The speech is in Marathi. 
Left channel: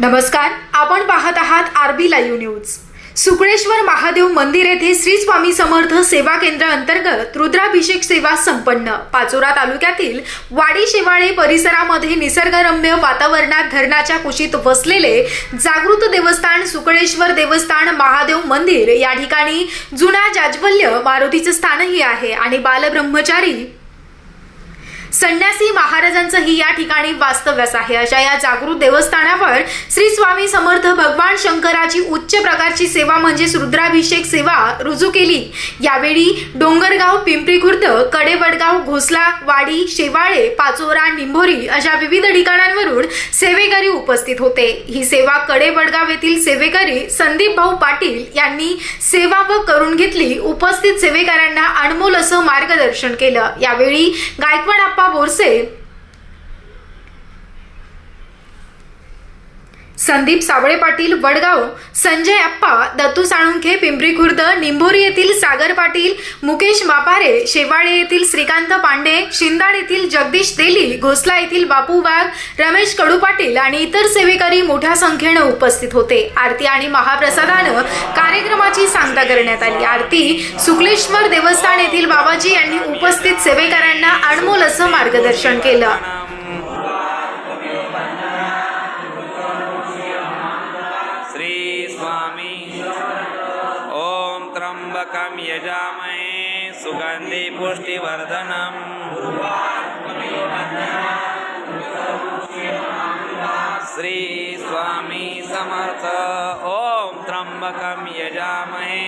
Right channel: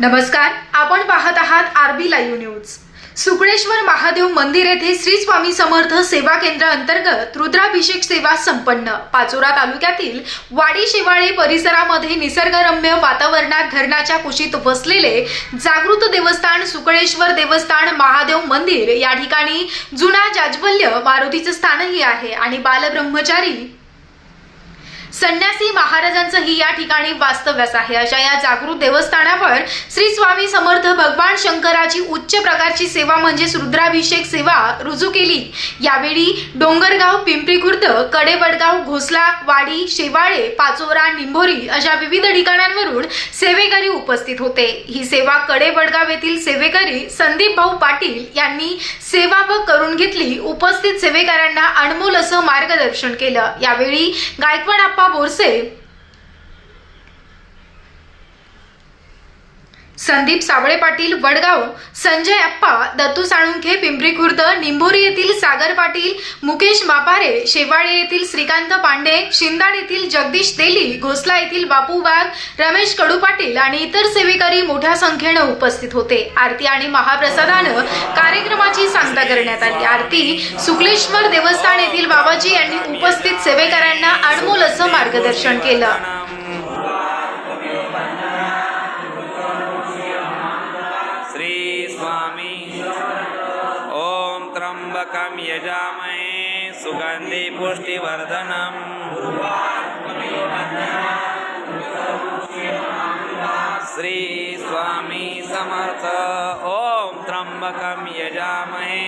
नमस्कार आपण पाहत आहात RB live news. Sukaleshwar Mahadev मंदिर येथे श्री स्वामी समर्थ सेवा केंद्र अंतर्गत रुद्राभिषेक सेवा संपन्न. पाचोरा तालुक्यातील वाडी शेवाळे परिसरामध्ये निसर्गरम्य वातावरणात धरणाच्या कुशीत वसलेले जागृत देवस्थान सुकळेश्वर देवस्थान महादेव मंदिर या ठिकाणी जुना जाज्वल्य मारुतीचे स्थानही आहे आणि बालब्रह्मचारी संन्यासी महाराजांचंही या ठिकाणी वास्तव्यास आहे. अशा या जागृत देवस्थानावर श्री स्वामी समर्थ भगवान शंकराची उच्च प्रकारची सेवा म्हणजेच रुद्राभिषेक सेवा रुजू केली. यावेळी डोंगरगाव पिंपरी खुर्द कडेबडगाव घोसला वाडी शेवाळे पाचोरा निंभोरी अशा विविध उपस्थित होते. ही सेवा कडेबडगाव येथील सेवेकरी संदीप भाऊ पाटील यांनी सेवा व करून घेतली. उपस्थित सेवेकऱ्यांना अनमोल असं मार्गदर्शन केलं. यावेळी गायकवाड आप्पा बोरसे संदीप सावळे पाटील वडगाव संजय अप्पा दत्तू साळुंखे पिंपरी खुर्द निंभोरी येथील सागर पाटील मुकेश वापारे शेवाळे येथील श्रीकांत पांडे शिंदाड येथील जगदीश तेली घोसला येथील बापू वाघ रमेश कडू पाटील आणि इतर सेवेकरी मोठ्या संख्येनं उपस्थित होते. आरती आणि महाप्रसादानं कार्यक्रमाची सांगता करण्यात आली. आरती शुक्लेश्वर देवस्थान येथील बाबाजी यांनी उपस्थित सेवेकरांना अनमोल असं मार्गदर्शन केलं. त्र्यंबकं यजामहे सुगंधी पुष्टिवर्धनम् श्री स्वामी समर्थ। ओम त्र्यंबकम यजामहे।